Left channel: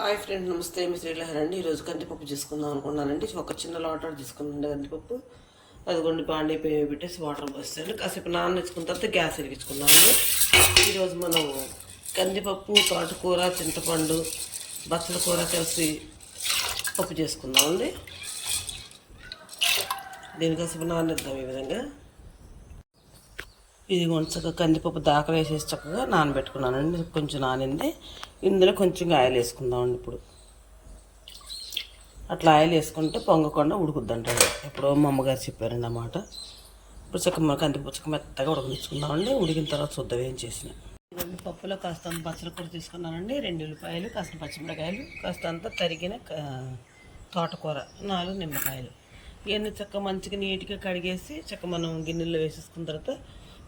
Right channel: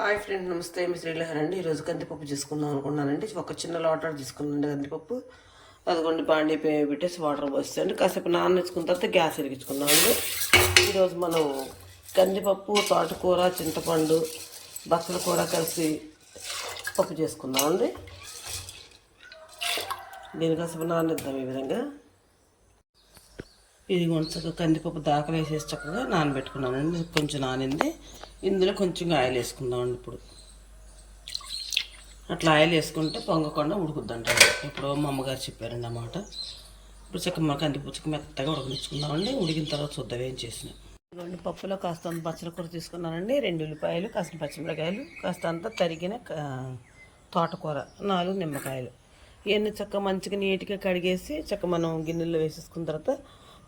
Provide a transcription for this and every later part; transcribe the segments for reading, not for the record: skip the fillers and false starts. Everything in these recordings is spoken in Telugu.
హాయ్ ఫ్రెండ్, నమస్తే. మీ శ్రీలహర్ అండి. ఈరోజు కందిపప్పు చేసుకుందాం అనుకున్నానండి. ఒక చిన్న లోటర్ తీసుకున్నాండి కందిపప్పు. అదిగోండి బాండీ పెట్టేసి వాటర్ పోస్తాండి. కాసేపు నానబెట్టుకున్న తర్వాత గ్యాస్ వెలిగించుకుందామండి. ఈరోజు మనం కందిపప్పు, తోటకూర, చింతపండు, బచ్చల కూర కలిసి పప్పు చేసుకుందామండి. దీని కాసేపు నానబెడదాం ఈ విధంగా. ఇది చక్కగా కందిపప్పు దాకలు వేసేసి చక్కగా నానబెట్టుకున్నానండి. కొంచెం నానింది. ఇందులో కొంచెం ఆయిల్ వేసుకుందామండి. ఇప్పుడు అట్లా ఆయిల్ వేసుకుంటే పొంగకుండా ఉడుకుద్దంటారు. ఇప్పుడు మా అమ్మగారు చెప్పారండి అన్నమాట. ఇప్పుడు చక్కగా కందిపప్పు చక్క మెత్తగా ఉడకనిచ్చుకుందామండి. ఉడికిన తర్వాత చూద్దాం ఏం చేసిన. ఇదిగోండి పప్పులో కాస్త బచ్చల కూర తీసుకున్నానండి. 2 ఉల్లిపాయలు, కాస్త పచ్చిమిరకాయలు, కాస్త అంతా తరిగిన తోటకూర, 4 నిమ్మకాయలు. ఇవన్నీ చక్కగా మంచిగా నీట్గా కడిగేసి చక్కగా మనం గిన్నెల్లో వేసేసుకున్న తర్వాత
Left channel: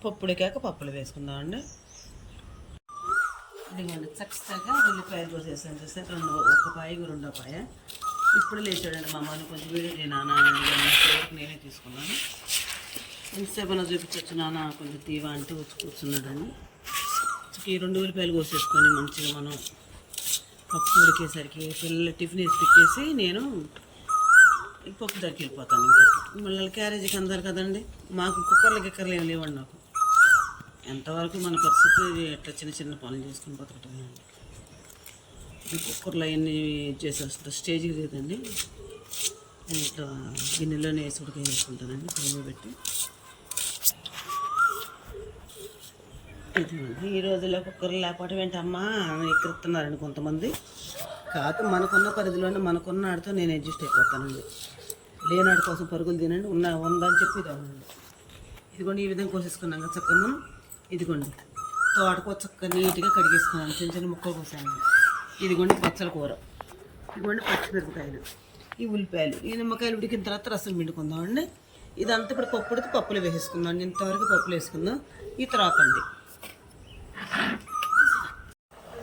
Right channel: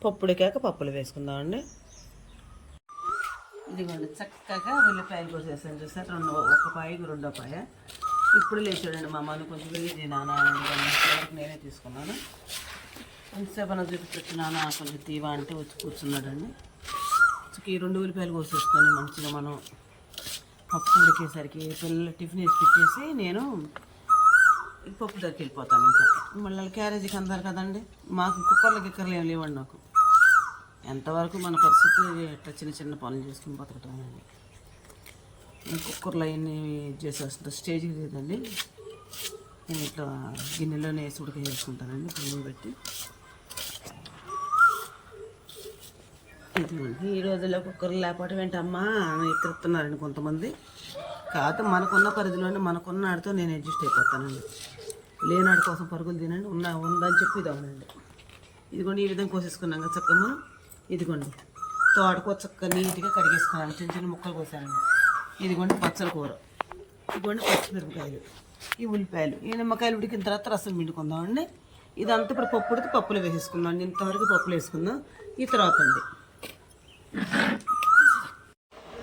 పప్పు ఉడికాక పప్పులు వేసుకుందామండి. ఇదిగోండి చక్కగా ఉల్లిపాయలు కోసేసాను. చూసాను, ఒక పాయ 2 పాయ. ఇప్పుడు లేచాడండి మా అమ్మని, కొంచెం వీడియో నాన్న నేనే తీసుకున్నాను. కొంచెంసేపు అన్న చూపించున్నాను, కొంచెం తీవా అంటూ వచ్చి కూర్చున్నాడండి. ఈ 2 ఉల్లిపాయలు కోసేసుకొని మంచిగా మనం పప్పు ఉడికేసరికి పిల్లలు టిఫిన్ వేసి పెట్టేసి నేను పప్పు దగ్గరికి వెళ్ళిపోతాను. ఇంకా మళ్ళీ క్యారేజీకి అందాలి కదండి. మాకు కుక్కర్లు ఏం లేవండి. నాకు ఎంతవరకు మన పరిస్థితి ఎట్లా చిన్న చిన్న పనులు చేసుకుని బతకటమే. కుక్కర్లో అవన్నీ చేసేస్తుంది స్టేజ్కి లేదండి. నేను ఇట్లా గిన్నెలోనే వేసి ఉడకేసుకుంటానండి. పొయ్యి పెట్టి. ఈ రోజుల్లో కుక్కర్లు లేకపోవడం ఏంటమ్మా ఎక్కడుతున్నారండి కొంతమంది. కాకపోతే మనకున్న పరిధిలోనే మనకున్న ఆడితో నేను అడ్జస్ట్ అయిపోతానండి. లేనాడి కోసం పరుగులు తినండి. ఉందని చెప్పి ఇది అవునండి. ఇదిగోండి ఈ విధంగా కోసేసుకున్నాం కదా చక్కగా మనం. ఇదిగోండి తోటకూర చక్కగా నీట్గా కడిగేసుకున్నాను. చిన్న చిన్న ముక్కలు కోసాను. ఇదిగోండి బచ్చల కూర, ఇదిగోండి పచ్చిమిరపకాయలు, ఈ ఉల్లిపాయలు, ఈ నిమ్మకాయలు ఉడికిన తర్వాత రసం పిండుకుందామండి. ఇదంతా ఇప్పుడు పప్పు ఉడికి పప్పులు వేసేసుకుందాం. ఇంతవరకు పప్పులు వేసుకుందాం. ఈ తర్వాత అండి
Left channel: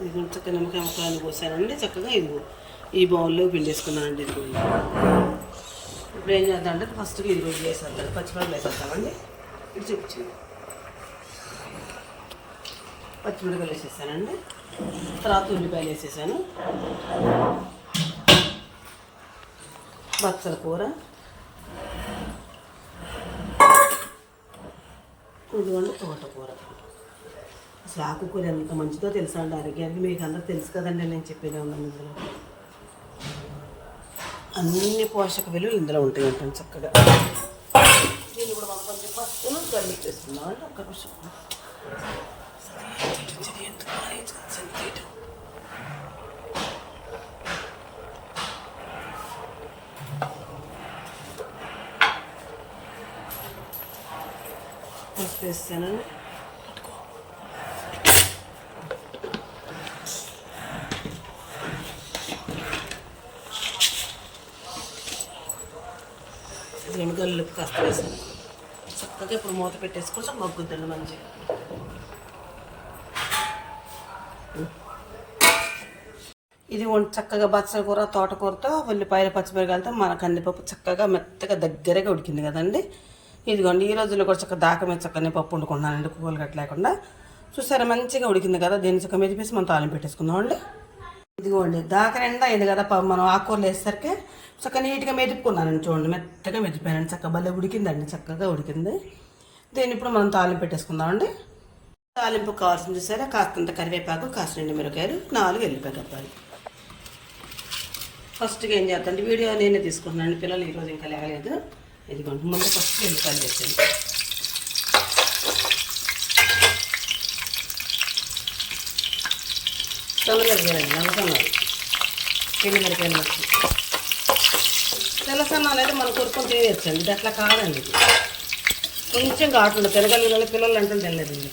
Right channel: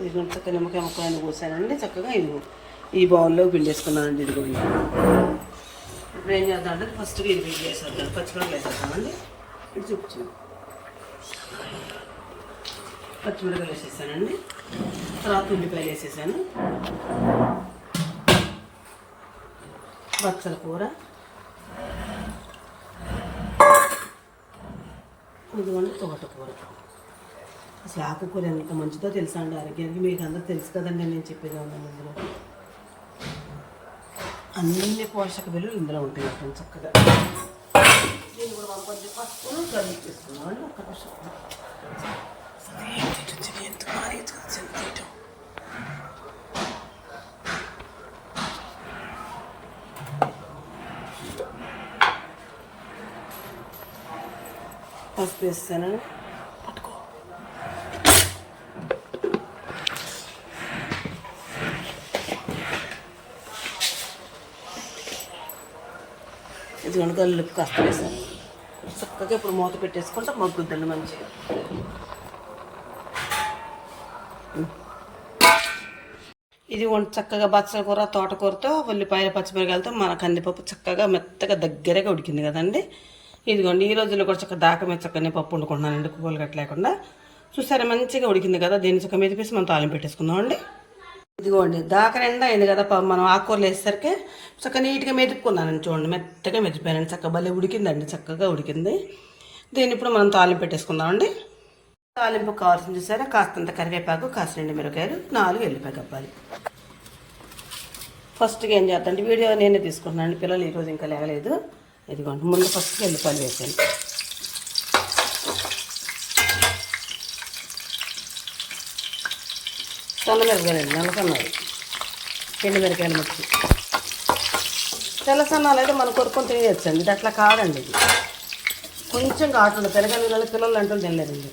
ఇదిగోండి చక్కగా నిమ్మకాయ ముక్కలు కోసానండి. చక్కగా ఈ బౌల్లో పిండేసుకున్నానండి. ఇదిగోండి ఇప్పుడు ఏం చేద్దాం అంటే ఫస్ట్గా ఇది వేసేద్దాం. పచ్చిమిరపకాయలు వేసేద్దామండి. ఇది చూపించింది పచ్చిమిరపకాయలు వేసేసానండి. తర్వాత ఉల్లిపాయలు వేసేసాను. బచ్చల కూర, ఇదిగోండి తోటకూర. అసలు ఆకుకూర ఎంత మంచిదో తెలుసా అండి ఆరోగ్యానికి. మీకు అందరూ తెలుసు కదండి, నేను చెప్పేది ఉన్నాను. ఇందులో అన్ని పోషక విలువలు ఇందులో ఉంటాయి అంటే చక్కగా. పసుపును కడిగి చేసుకున్నానండి. ఒక్క నిమిషం. పసుపు వేస్తానండి. ఇది కనుక కాస్త వేసాను. చక్కగా ఇప్పుడు మూత పెట్టేసుకుంటే మగ్గుద్దండి మంచిగా. ఇది చక్కగా బచ్చల కూర, తోటకూరతో, ఉల్లిపాయలు, పచ్చిమిరకాయలతో మన కందిపప్పు చక్కగా మెత్తగా దగ్గరగా ఉడికింది కదండి. ఇదిగోండి ఈ రోజుల్లో కూడా చక్కగా దాక మీద చక్కని పప్పు వండుకుంటున్నానండి. కూరలు గట్ట లేకుండా. చూసారా మంచిగా ఉడికింది కదా. దీన్ని చక్కగా మెదిపేసి మనం తాలింపు పెట్టేసుకుందామండి. ఇదిగోండి దాక నిండా అయింది కదా. మనం ఆకుకూరలు వేసేసరికి చక్కగా నీట్గా మెదుపుకున్నానండి. చూడండి మెత్తగా మెదిపోయానండి. చక్కగా భలే ఉడికిందండి. చక్కగా ఉడికింది. దీన్ని ఇప్పుడు మనం తాలింపు పెట్టేసుకుందామండి. తాలింపు కావాల్సింది చూసారా, కాస్తంత కరివేపాకు, కాస్త 2 మిరపకాయలు, 4 ఎల్లిపాయ కప్పాలి. ఫస్ట్గా ఏం చేద్దాం, వీడియో నేనే తీసుకుంటున్నాను. పిల్లలు ఈరోజు ఇంకా లేగలేదు. ఇదిగోండి ముందు ఫస్ట్ ఎల్లిపాయలు వేసాను. సన్న మిరపకాయలు, నల్లసన్నాలు, 2 మిరపకాయలు మట్టి. తెల్ల సన్నాలు అయితే మనం కొరుకొని తినేయచ్చండి. ఇది అట్లా కాదండి. ఇది కొంచెం ఘాటు తిరగలి పిల్లలు అంటూ తినలేదండి.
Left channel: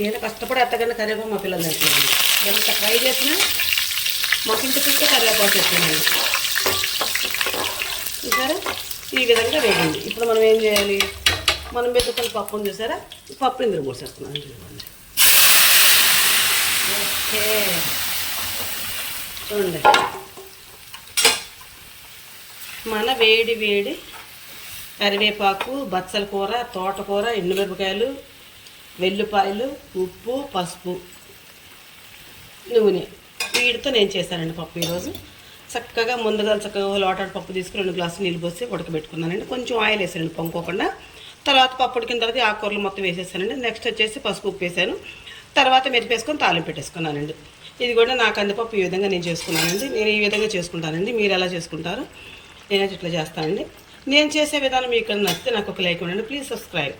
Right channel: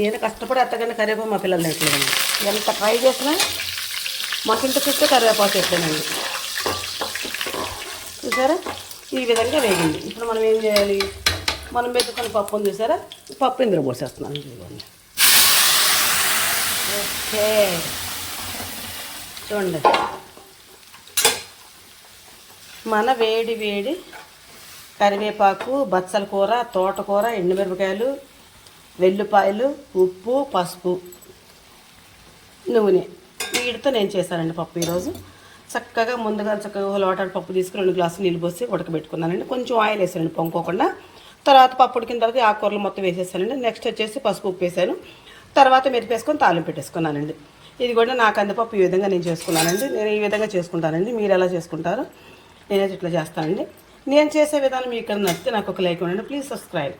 నేను కష్టపడి అత్తగానే కరివేపాకు మా పిల్లలు తినట్లేదండి. ఎంత ట్రై చేసినా మాకు ఇంటి చుట్టూ కరివేపాకు చెప్పానండి. చూసారా ఈ విధంగా వేగింది. ఇప్పుడు మనం ఏం చేయాలి, మనం మెతుకుని పప్పుని చూసారా, పప్పు ఇందులో పోసేస్తున్నాను. చూడండి ఓకే చూడండి మన వేడి వేడి కరివేపాకు, బచ్చల కూర, తోటకూర, ఎండుమిరపకాయలు, వెల్లుల్లిపాయలు, ఉప్పు, పసుపు, నూనె వీటితో నేను చేశానండి పప్పు ఈరోజు. చక్కగా ముందుగా లోటాడు పప్పు తీసుకుని 2 గ్లాసులు నీళ్ళు పోసి ఉడకబెట్టుకున్నానండి. కొంచెం ఆయిల్ వేసానండి పొంగుకోకుండా. తర్వాత పప్పు ఉడికిన తర్వాత ఆకుకూరలు మొత్తం వేసేసానండి. నెక్స్ట్ వచ్చేసి పసుపు, ఉప్పు వేసాను. తర్వాత మెరిపేసుకొని తాలింపు పెట్టేసుకున్నానండి. ఇది కూడా నా కందిపప్పు ఈ విధంగా నేను చేసుకున్నానండి. నేను ఈ విధంగా చేసుకుంటానండి. మీరు ఎలా చేసుకుంటారు? నేనైతే ఇట్లా చేస్తానండి. నేను చేసే విధానం మీకు ఇక్కడ నచ్చితే నాకు ఒక లైక్ ఇవ్వండి. Please subscribe.